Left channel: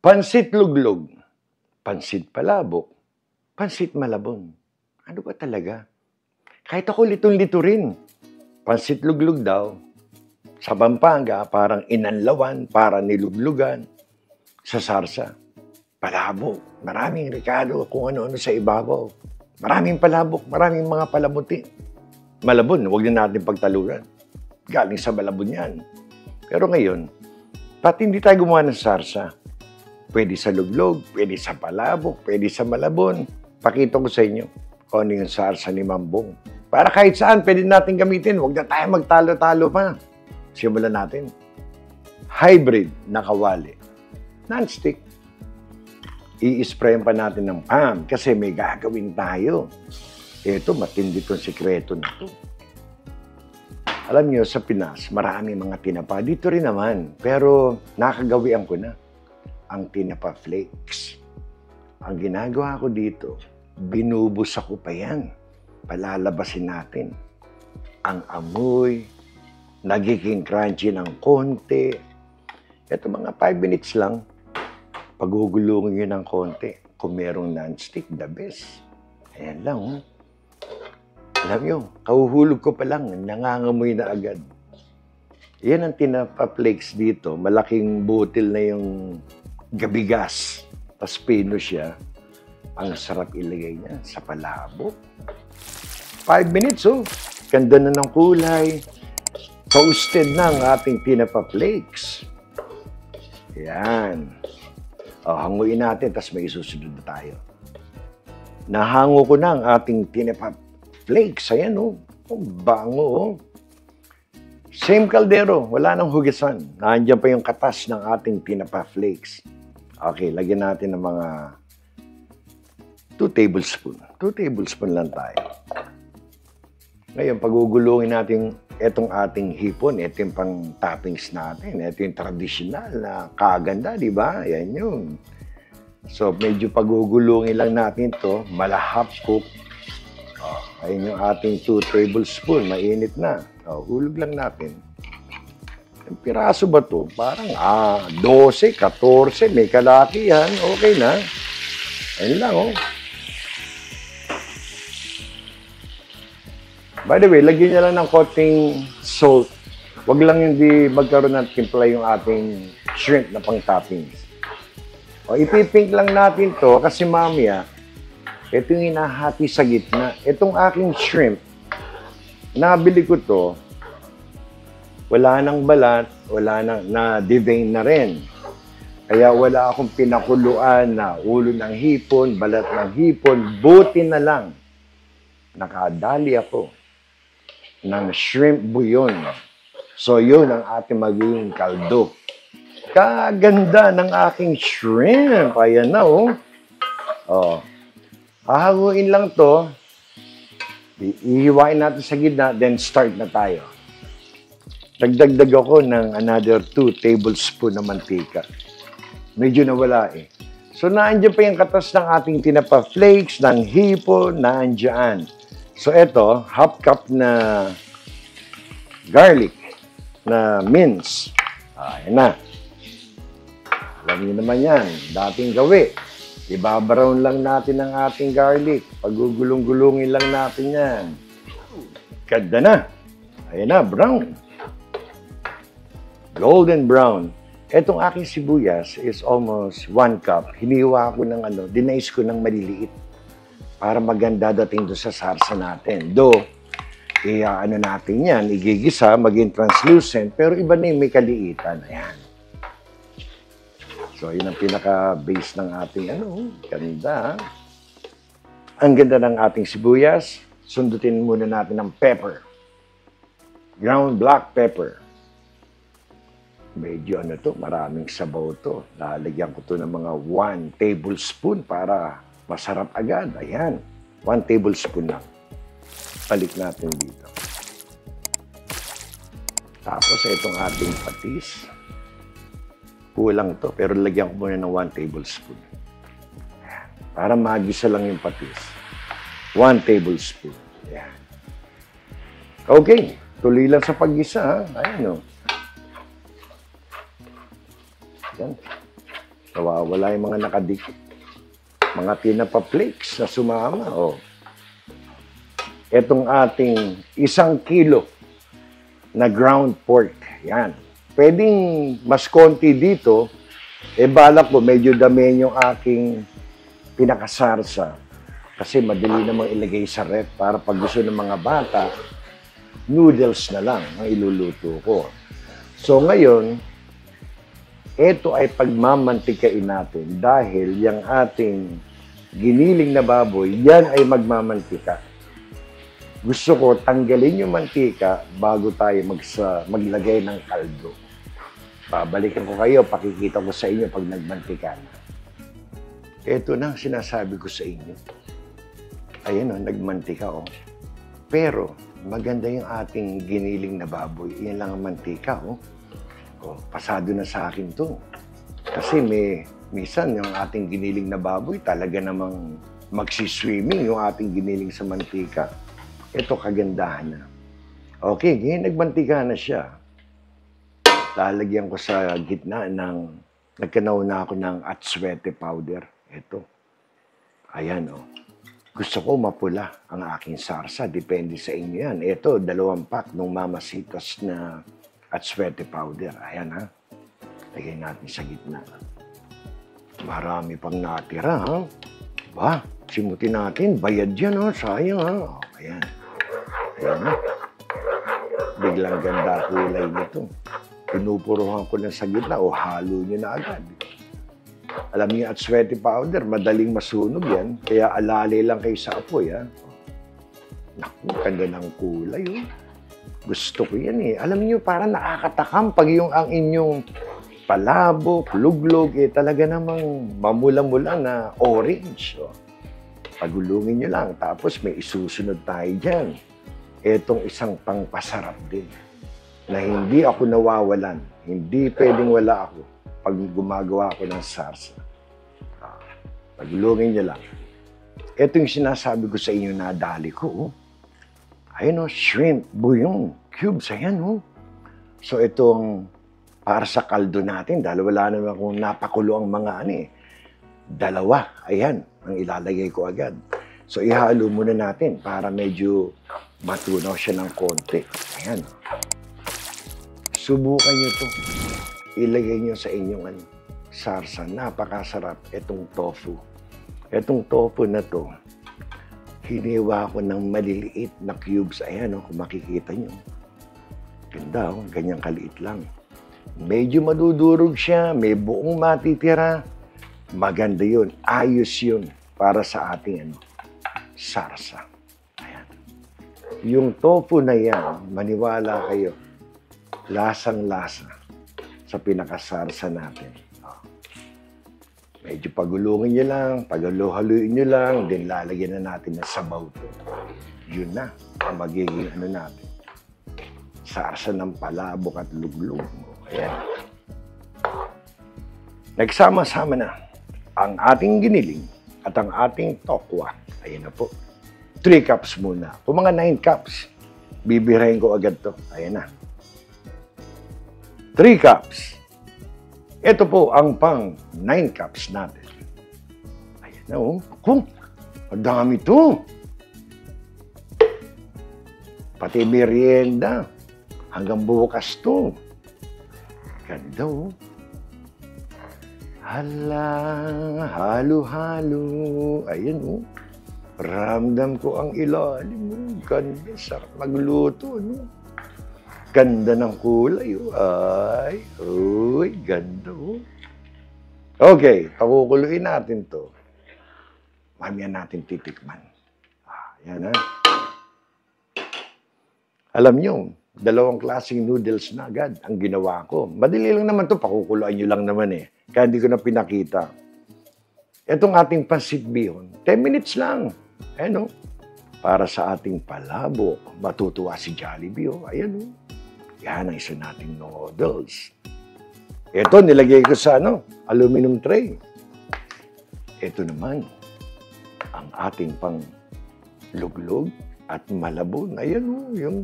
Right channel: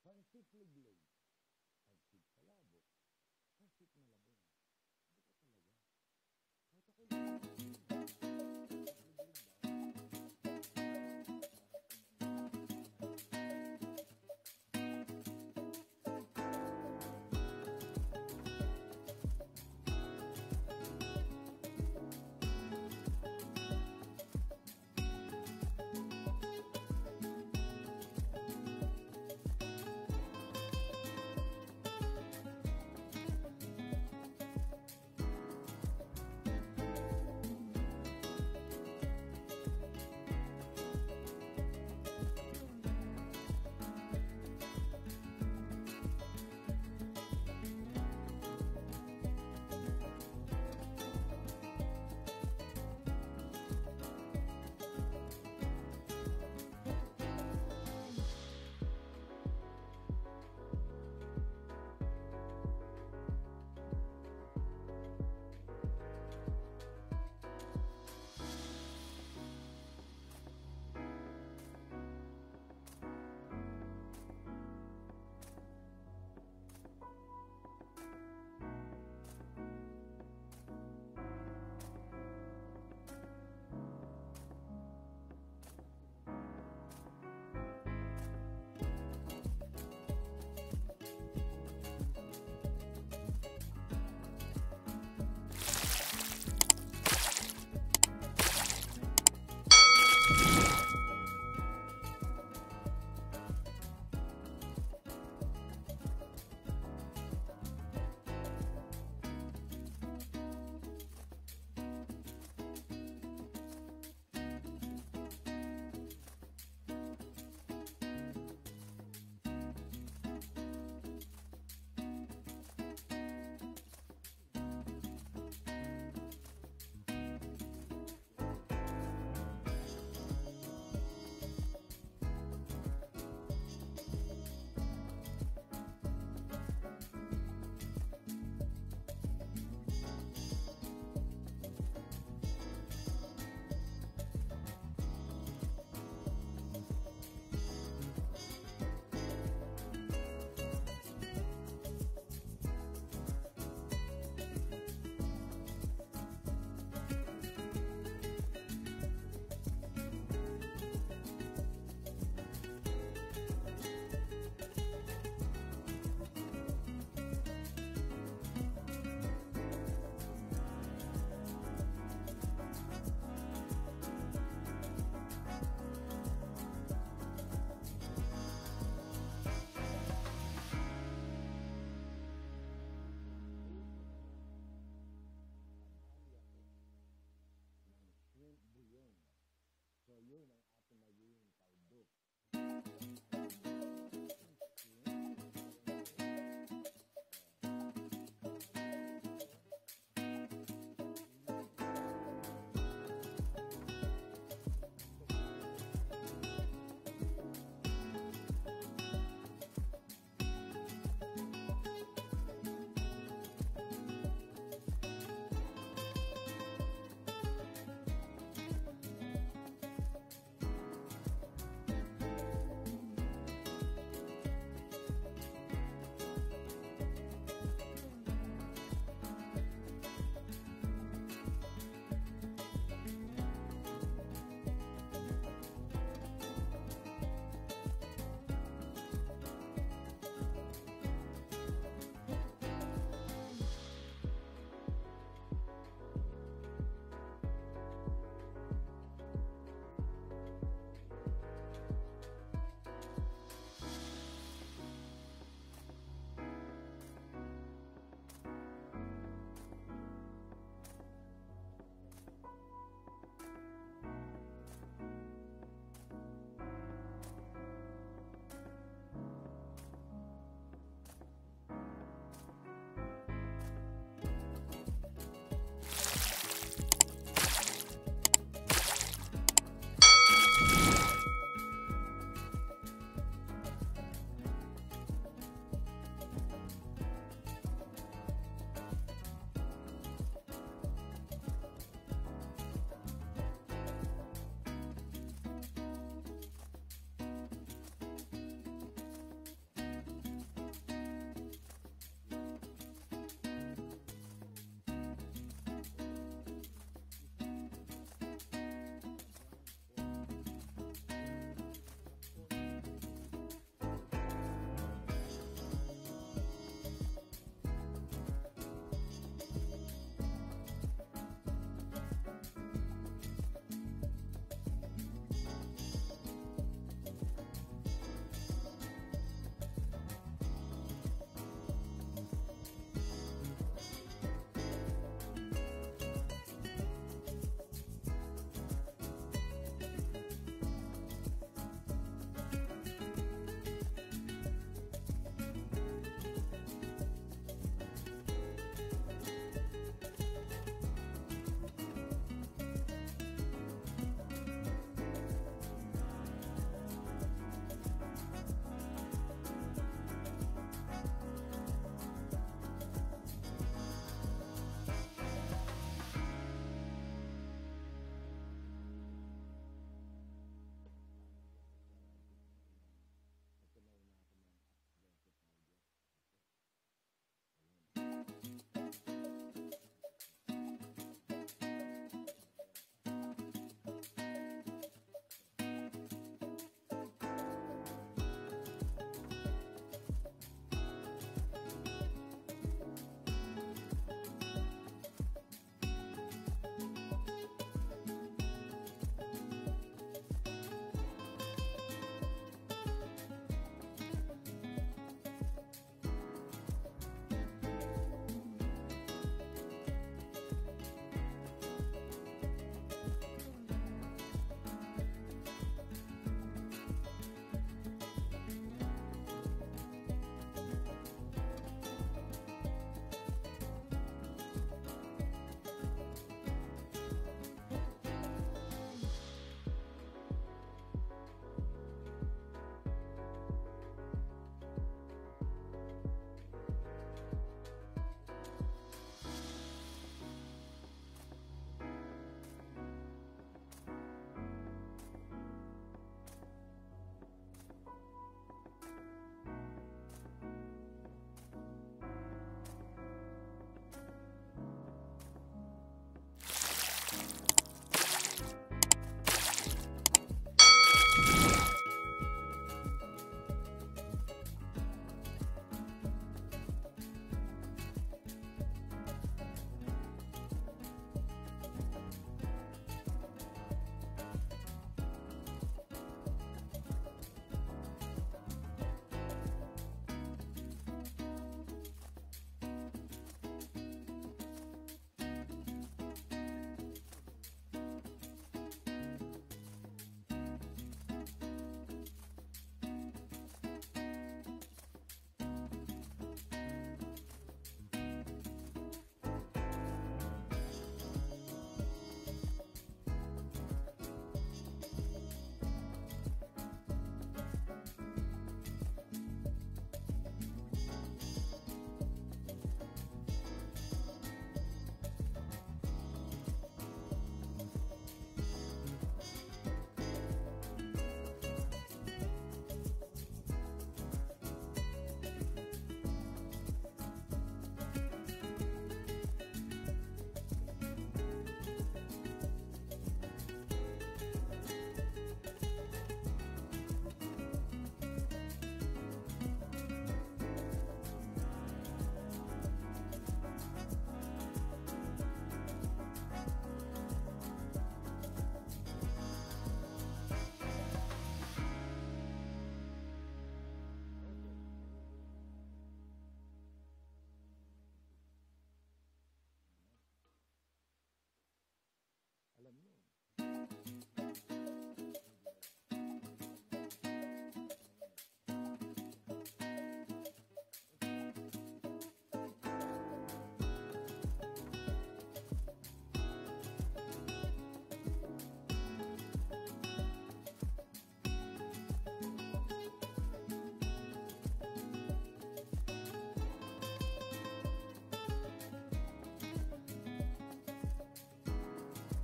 Pansit luglog, pansit palabok, pansit malabon. Ano ba talaga? Kahit ako litong-lito rin. Pansit luglog daw. Sa Pampanga, parang inanlawan, para niluglugan. Sa sarsa, palabok. Maraming rekado kung ano-ano sa ibabaw. Maraming palabok, maraming mga palamuti. Malabon, huwag na natin pagtaluran. Galing sa malabon yan. Pero ngayon, pati hindi tayo gumawa ng sarsa. Pwede sa luglog, pwede sa palabok, pwede sa malabon. Pakita ko sa inyo kung ano yung sarsa ni Mambong. Para kahit saan, pwede natin gamitin. Huwag na tayo magtalo-talo pa. Simulan natin. Hybrid na kawali. Non-stick. I-sprayan pa natin ng PAM kasi may gagawin tayo. Ito, matindi itong sikreto na ito. Alam niyo, sa Pinas, marami mga tinapa. Dito rin naman. Pero nakagawian ko na ang tinapa flakes. Ang ginagawa ko dito, binubusa ko pa yan. Palalabasin natin. Ang amoy, nagiging crunchy ng konti. Ito mga 5 minutes lang. Pagugulungin yun ng konti. Kung merong non-stick, the best. Ayan lang. Oh. Alam nyo, kahuhulog ko pa lang, nangangamoy na agad. Yan ang tinapa flakes dito. Malaking butil na yung gabigas. Tapos pino siya. Ang sarap ilagay niya sa palabok. 5 minutes, oh. Ganda na ng kulay. Toasted na ang ating tinapa flakes. Yan. O, hanguin natin, tapos may isusunod na tayo. Nahango ko na ang ating tinapa flakes. Ayan, oh. Ang bango, oh. Same kaldero, wala nang hugasan. Nandiyan pa yung katas ng ating tinapa flakes. Okay, lagyan natin ng mga 2 tablespoon. 2 tablespoon lang tayo. Ngayon, pagugulungin natin itong ating hipon. Ito yung pang toppings natin. Ito yung traditional na kaganda, di ba? Ayan yun. So, medyo pagugulungin lang natin to. Malahap cook. Ayun yung ating 2 tablespoon. Mainit na. Hulog lang natin. Ang piraso ba to? Parang 12, 14, may kalaki yan. Okay na. Ayun lang, oh. By the way, lagyan niya lang ng konting salt. Huwag lang hindi magkaroon ng timpla yung ating shrimp na pang-toppings. O, ipipink lang natin to kasi mamaya, ito yung hinahati sa gitna. Itong aking shrimp, nabili ko to, wala nang balat, wala nang, na-devein na rin. Kaya wala akong pinakuluan na ulo ng hipon, balat ng hipon, buti na lang. Nakadali ako ng shrimp bouillon. So yun ang ating magiging kaldo. Kaganda ng aking shrimp. Ayan na, oh. Oh. Hahanguin lang to. Ihiwain natin sa gitna, then start na tayo. Nagdagdag ako ng another 2 tablespoon na mantika. Medyo nawala eh. So, naandyan pa yung katas ng ating tinapa flakes, ng hipon, naandyan. So, eto, half cup na garlic na mince. Ayan na. Alam niyo naman yan, dating gawi. Ibabrown lang natin ang ating garlic. Pagugulong-gulungin lang natin yan. Ganda na. Ayan na, brown. Golden brown. Etong aking sibuyas is almost 1 cup. Hiniwa ko ng dinice ko ng maliliit para maganda dating doon sa sarsa natin. Though, natin yan, igigisa, maging translucent, pero iba na yung may kaliitan. Ayan. So, yun ang pinaka-base ng ating ganda. Ang ganda ng ating sibuyas. Sundutin muna natin ng pepper. Ground black pepper. Medyo maraming sabaw to. Lalagyan ko to ng mga 1 tablespoon para masarap agad. Ayan, 1 tablespoon lang. Balik natin dito. Tapos itong ating patis. Kulang to, pero lagyan ko muna ng 1 tablespoon. Ayan, para magisa lang yung patis. 1 tablespoon. Ayan. Okay, tuloy lang sa paggisa. Ayan o. Nawawala yung mga nakadikit. Mga tinapa flakes na sumama. Oh. Itong ating 1 kilo na ground pork. Yan. Pwedeng mas konti dito. Balak ko, medyo dami yung aking pinakasarsa. Kasi madali namang ilagay sa ref para pag gusto ng mga bata, noodles na lang ang iluluto ko. So ngayon, ito ay pagmamantikain natin dahil yung ating giniling na baboy, yan ay magmamantika. Gusto ko tanggalin yung mantika bago tayo maglagay ng kaldo. Pabalikan ko kayo, pakikita ko sa inyo pag nagmantika na. Ito na ang sinasabi ko sa inyo. Ayan o, nagmantika o. Pero maganda yung ating giniling na baboy. Yan lang ang mantika o. Pasado na sa akin to. Kasi minsan yung ating giniling na baboy talaga namang magsiswimming yung ating giniling sa mantika. Ito kagandahan na. Okay, ngayon nagmantika na siya. Lalagyan ko sa gitna nagkanaw na ako ng atswete powder. Ito. Ayan, oh. Gusto ko mapula ang aking sarsa. Depende sa inyo yan. Ito, 2 pack ng Mamasitas na atswete powder. Ayan, ha. Lagay natin sa gitna. Marami pang natira, ha. Ba, simutin natin. Bayad yan, ha. Sayang, ha. Ayan. Ayan, ha. Biglang ganda kulay nito. Pinupuruhan ko lang sa gitna o halo nyo na agad. Alam niyo, atswete powder, madaling masunog yan. Kaya alali lang kayo sa apoy, ha. Naku, ganda ng kulay, oh. Gusto ko yan, eh. Alam niyo, parang nakakatakam pag ang inyong palabok, luglog, talaga namang mamula-mula na orange, oh. Pagulungin nyo lang, tapos may isusunod tayo dyan. Etong isang pangpasarap din, na hindi ako nawawalan. Hindi pwedeng wala ako pag gumagawa ako ng sarsa. Pagulungin nyo lang. Ito yung sinasabi ko sa inyo na dali ko. Oh. Ayun, oh, shrimp, bouillon, cubes, ayan, oh. So itong para sa kaldo natin, dahil wala naman akong napakulo ang mga dalawa, ayan, ang ilalagay ko agad. So ihalo muna natin para medyo matunaw siya ng konti. Ayan. Subukan nyo ito. Ilagay nyo sa inyong sarsa. Napakasarap itong tofu. Itong tofu na to, hiniwa ko ng maliliit na cubes. Ayan, oh, kung makikita nyo. Ganda, oh, ganyang kaliit lang. Medyo madudurog siya, may buong matitira. Maganda yun. Ayos yun para sa ating sarsa. Ayan. Yung tofu na yan, maniwala kayo, lasang-lasa sa pinakasarsa natin. Medyo pagulungin nyo lang, paghaluin nyo lang, then lalagyan na natin ng sabaw to. Yun na, ang magiging natin. Sarsa ng palabok at luglog. Ayan. Nagsama-sama na ang ating giniling at ang ating tokwa. Ayan na po. 3 cups muna. Kung mga 9 cups, bibirahin ko agad to. Ayan na. 3 cups. Ito po ang pang 9 cups natin. Ayan na, oh. Kung, ang dami to. Pati merienda. Hanggang bukas to. Ganda, oh. Hala, halo-halo. Ayan, oh. Ramdam ko ang ilalim. Ganda, sarap magluto, no? Ganda ng kulay. Ay, uy, ganda. Okay, pakukuluin natin to. Mamaya natin titikman. Yan, ha? Alam nyo, 2 klaseng noodles na agad ang ginawa ko. Madali lang naman to, pakukuluan nyo lang naman eh. Kaya hindi ko na pinakita. Itong ating pancit bihon, 10 minutes lang. Ayan, oh. Para sa ating palabok, matutuwa si Jollibee, oh. Ayan, oh. Yan ang isa nating noodles. Ito, nilagay ko sa aluminum tray. Ito naman, ang ating pang luglog at malabon. Ayan, oh, yung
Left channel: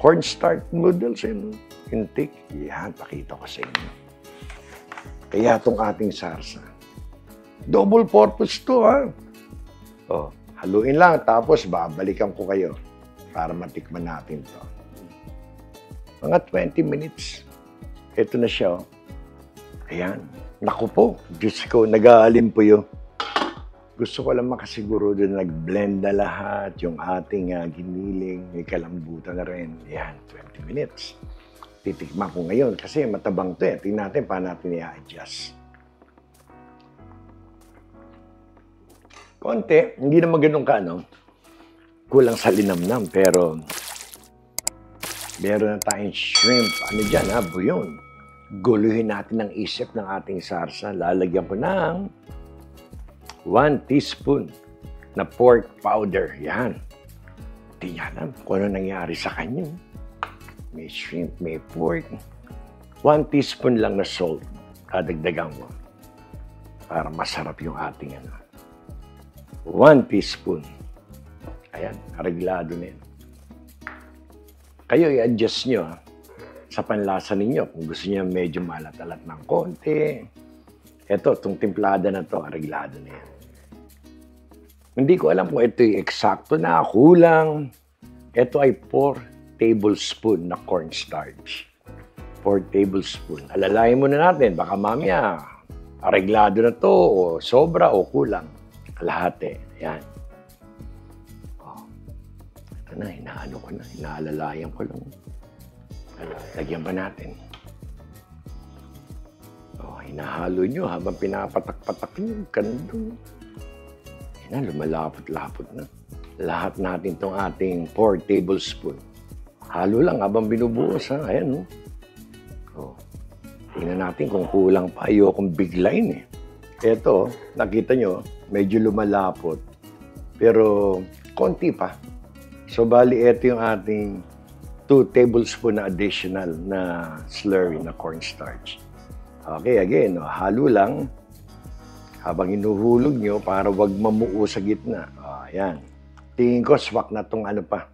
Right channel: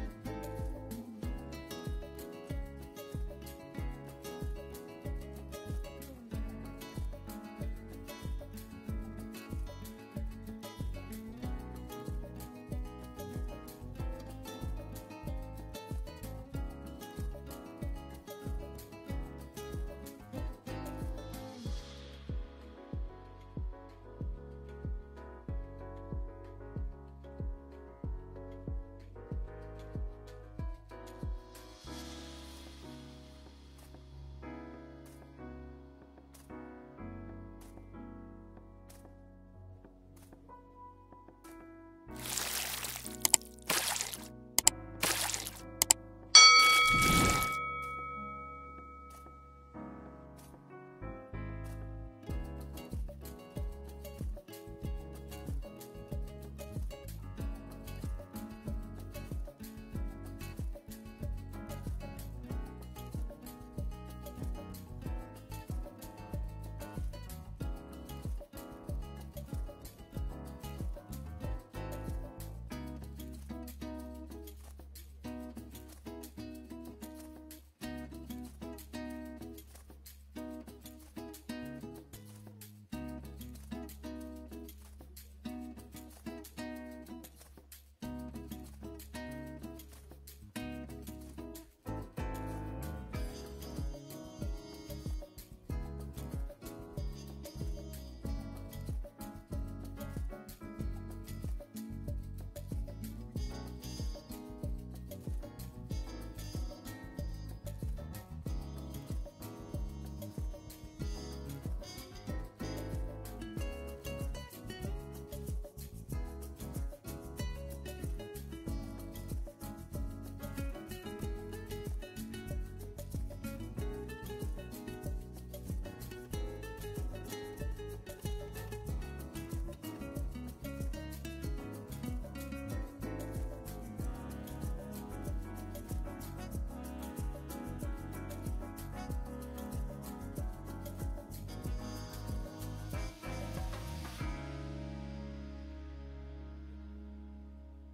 cornstarch noodles, yung thick. Yan, pakita ko sa inyo. Kaya itong ating sarsa, Double purpose to, ha? Oh, haluin lang, tapos babalikan ko kayo para matikman natin to. Mga 20 minutes. Ito na siya, oh. Ayan. Naku po, Diyos ko, nag-aalim po yun. Gusto ko lang makasiguro doon nag-blend na lahat, yung ating giniling, may kalambutan na rin. Ayan, 20 minutes. Titikman ko ngayon kasi matabang to eh. Tingnan natin paano natin i-adjust. Konti, hindi naman ganun ka, no? Kulang sa linamnam, pero meron na tayong shrimp. Ano dyan, ha? Buyon. Guluhin natin ang isip ng ating sarsa. Lalagyan ko ng 1 teaspoon na pork powder. Yan. Hindi niya alam kung ano nangyari sa kanya. May shrimp, may pork. 1 teaspoon lang na salt. Dadagdagan mo. Para masarap yung ating 1 teaspoon. Ayan, areglado na yan. Kayo i-adjust nyo sa panlasa ninyo. Kung gusto niyo medyo malat-alat ng konti. Ito, itong timplada na to, areglado na yan. Hindi ko alam kung ito yung eksakto na, kulang. Ito ay 4 tablespoon na cornstarch. 4 tablespoon. Alalayan muna natin, baka mamaya areglado na to, o sobra o kulang. Kalahati. Yan. Oh. Ito na, hinaano ko na, hinaalalayan ko lang. Lagyan pa natin. Oh, hinahalo nyo habang pinapatak-patak nyo. Ganun. Yan, lumalapot-lapot na. Lahat natin itong ating 4 tablespoon. Halo lang habang binubuhos, ha? Ayan, no? Oh. Tingnan natin kung kulang pa. Ayokong biglayin, eh. Ito, nakita nyo, medyo lumalapot. Pero, konti pa. So, bali, ito yung ating 2 tablespoon na additional na slurry na cornstarch. Okay, again, no? Halo lang. Habang inuhulog nyo para wag mamuo sa gitna. Ayan. Tingin ko, swak na tong ano pa.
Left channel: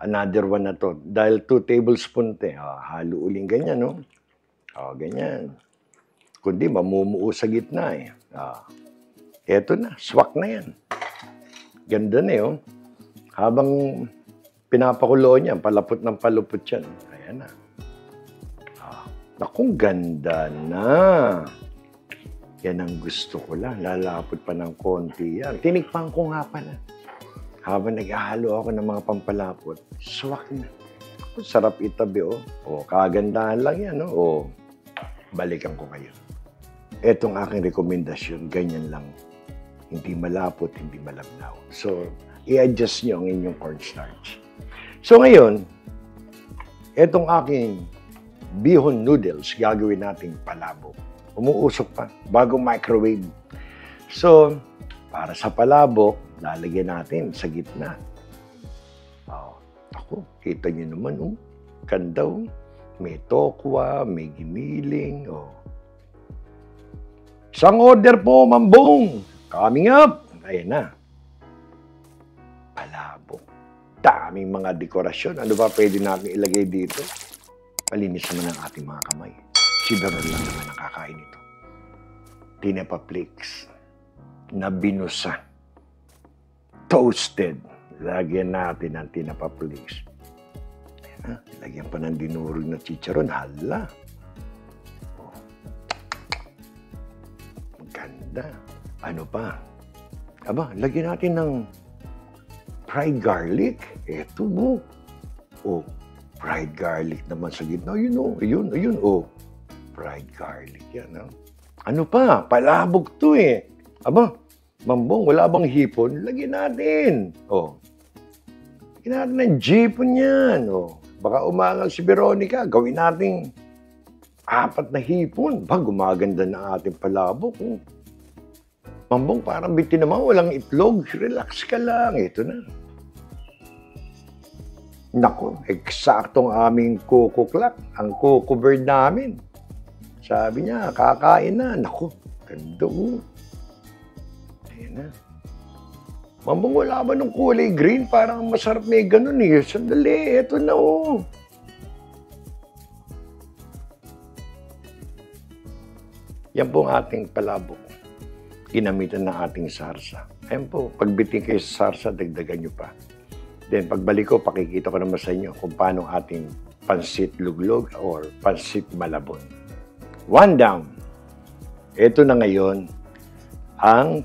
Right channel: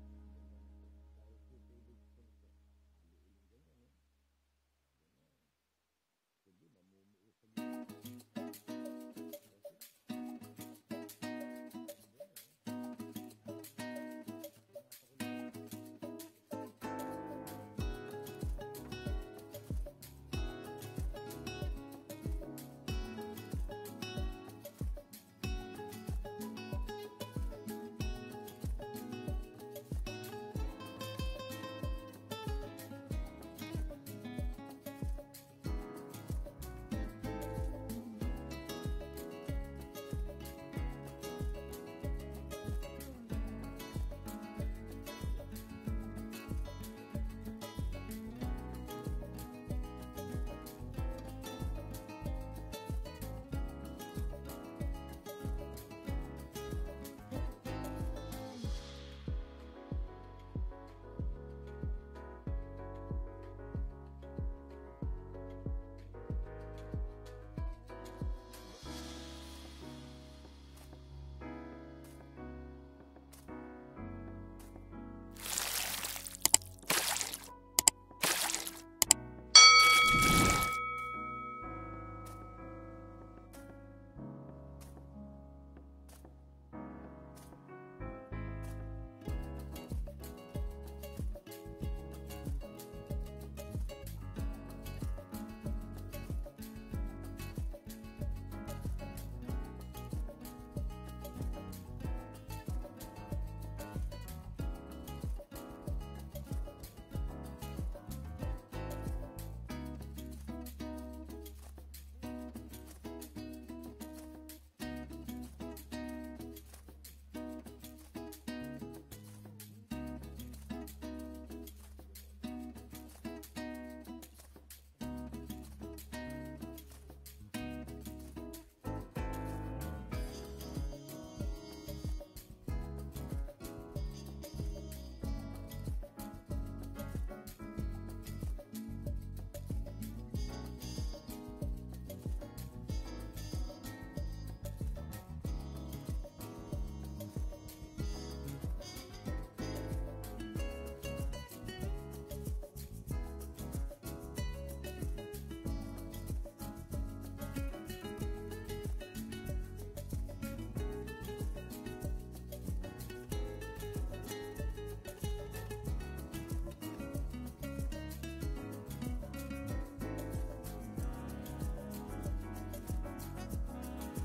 Another one na to. Dahil 2 tablespoon te. Halo uling ganyan, no? Ganyan. Kundi mamumuo sa gitna, eh. Eto na. Swak na yan. Ganda na yun. Habang pinapakulo niya, palapot ng palupot yan. Ayan na. Nakong ganda na. Yan ang gusto ko lang. Lalapot pa ng konti yan. Tinikpan ko nga pala. Habang naghahalo ako ng mga pampalapot, swak na. Sarap itabi, oh. Kagandahan lang yan, oh. Balikan ko kayo. Etong aking rekomendasyon, ganyan lang. Hindi malapot, hindi malabnaw. So, i-adjust nyo ang inyong cornstarch. So, ngayon, etong aking bihon noodles, gagawin nating palabok. Umuusok pa, bagong microwave. So, para sa palabok, lalagyan natin sa gitna. Ako, kita nyo naman, oh. Ganda, oh. May tokwa, may giniling, oh. Isang order po, Mambong. Coming up. Ayan na. Palabok. Daming mga dekorasyon. Ano ba pwede natin ilagay dito? Palinis naman ang ating mga kamay. Siguro rin naman nakakain ito. Tinapa flakes na binusa. Toasted. Lagyan natin ng tinapa flakes. Lagyan pa ng dinurog na chicharon. Hala. Maganda. Ano pa? Aba, lagyan natin ng fried garlic. Eto mo. Fried garlic naman sa gitna. Ayun. Fried garlic yan. Ano pa? Palabog to eh. Aba, Mambong, wala bang hipon? Lagyan natin. Lagyan natin ng jipon yan. Baka umangal si Veronica. Gawin natin 4 na hipon. Gumaganda na ating palabok. Mambong, parang bitin naman. Walang itlog. Relax ka lang. Ito na. Nako, eksaktong aming coco clock. Ang coco bird namin. Sabi niya, kakain na. Nako, ganda mo. Ayan na. Mambong, wala ba nung kulay green? Parang masarap may ganun eh. Sandali, eto na oh. Yan po ang ating palabok. ginamitan ng ating sarsa. Ayan po, pagbiting kayo sa sarsa, dagdagan nyo pa. Then pagbalik ko, pakikita ko naman sa inyo kung paano ating pansit luglog or pansit malabon. One down. Ito na ngayon ang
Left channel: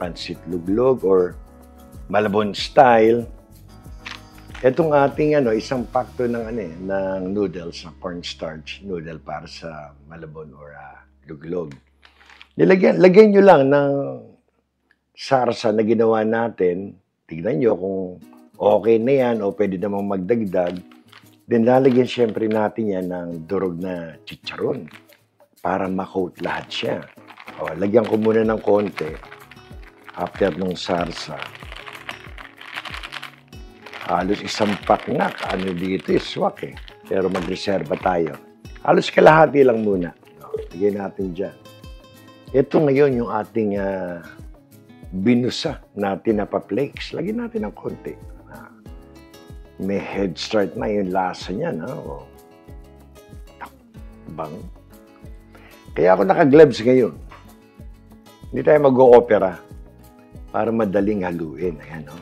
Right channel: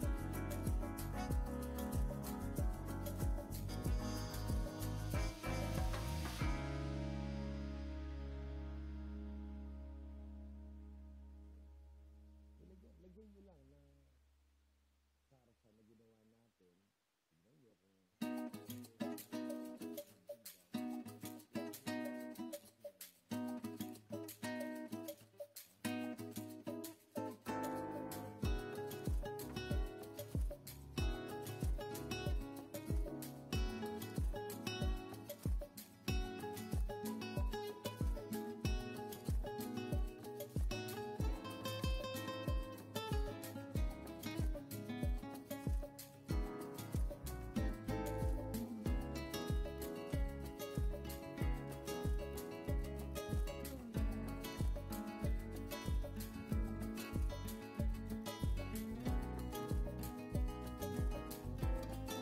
pansit luglog or malabon style. Itong ating isang pakto ng ng noodles, cornstarch noodle para sa malabon or luglog. Lagyan nyo lang ng sarsa na ginawa natin. Tignan nyo kung okay na yan o pwede namang magdagdag. Then lalagyan syempre natin yan ng durog na chicharon para ma-coat lahat siya. O, lagyan ko muna ng konti after nung sarsa. Halos isang pack na. Ano dito is swak eh. Pero magreserba tayo. Halos kalahati lang muna. Lagyan natin dyan. Ito ngayon yung ating binusa na tinapa-flakes. Lagyan natin ng konti. May head start na yung lasa niya. No? Bang. Kaya ako naka-gloves ngayon. Hindi tayo mag-o-opera para madaling haluin. Ayan, no?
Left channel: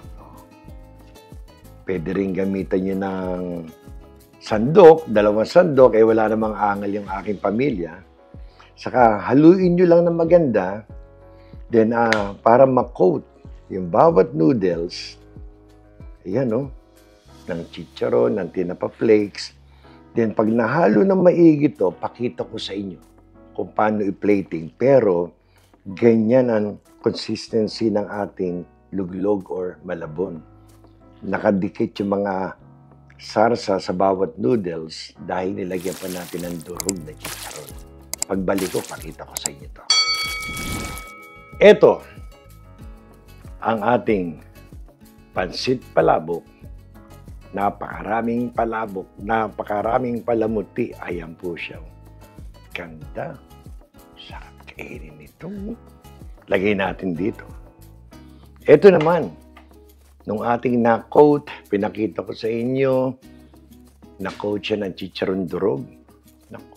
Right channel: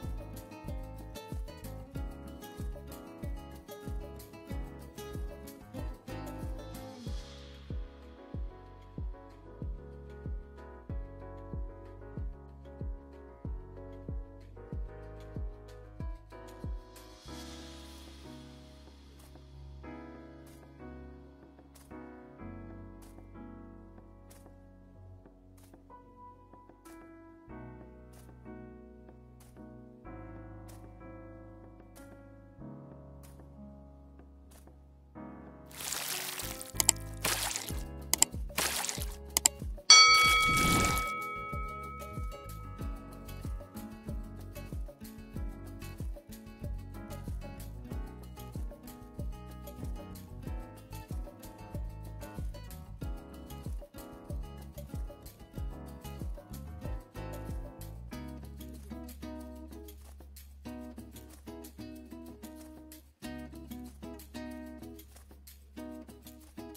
Pwede rin gamitan nyo ng sandok, 2 sandok, wala namang angal yung aking pamilya. Saka haluin nyo lang ng maganda, then para ma-coat yung bawat noodles, ayan no, ng chicharon, ng tinapa flakes. Then pag nahalo ng maigi to, pakita ko sa inyo kung paano i-plating. Pero ganyan ang consistency ng ating luglog or malabon. Nakadikit yung mga sarsa sa bawat noodles dahil nilagyan pa natin ng durog na chicharon. Pagbalik ko, pakita ko sa inyo ito. Ito ang ating pansit palabok. Napakaraming palabok, napakaraming palamuti. Ayan po siya. Ganda. Sarap kainin ito. Lagay natin dito. Ito naman, nung ating na-coat, pinakita ko sa inyo, na-coat siya ng chicharon durog.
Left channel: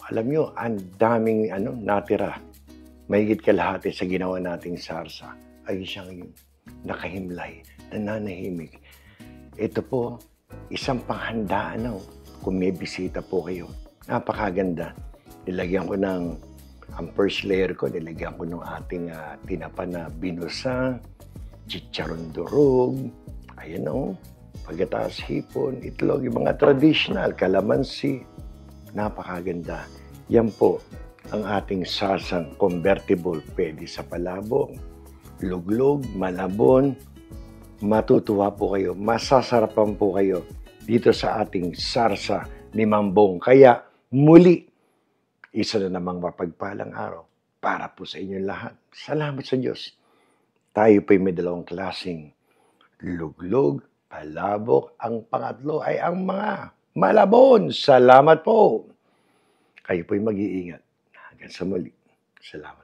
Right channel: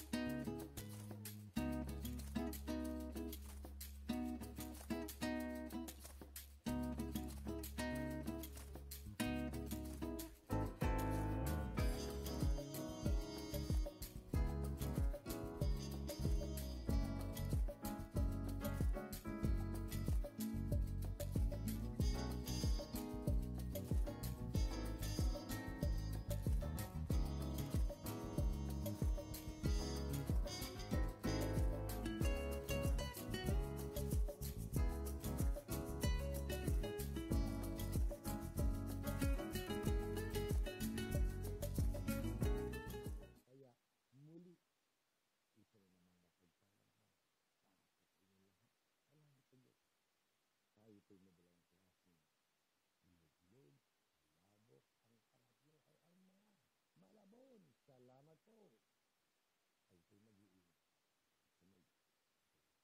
Alam nyo, ang daming natira. Mahigit kalahati sa ginawa nating sarsa ay siyang nakahimlay, nananahimik. Ito po, isang panghandaan kung may bisita po kayo. Napakaganda. Nilagyan ko ang first layer ko, nilagyan ko ng ating tinapa na binusa, chicharon durog, ayan pagkatapos hipon, itlog, yung mga traditional, kalamansi, napakaganda. Yan po ang ating sarsang convertible. Pwede sa palabok, luglog, malabon. Matutuwa po kayo, masasarapan po kayo dito sa ating sarsa ni Mambong. Kaya muli, isa na namang mapagpalang araw para po sa inyong lahat. Salamat sa Diyos. Tayo po'y may 2 klaseng luglog, palabok. Ang pangatlo ay ang mga malabon. Salamat po. Kayo po'y mag-iingat. Hanggang sa muli. Salamat.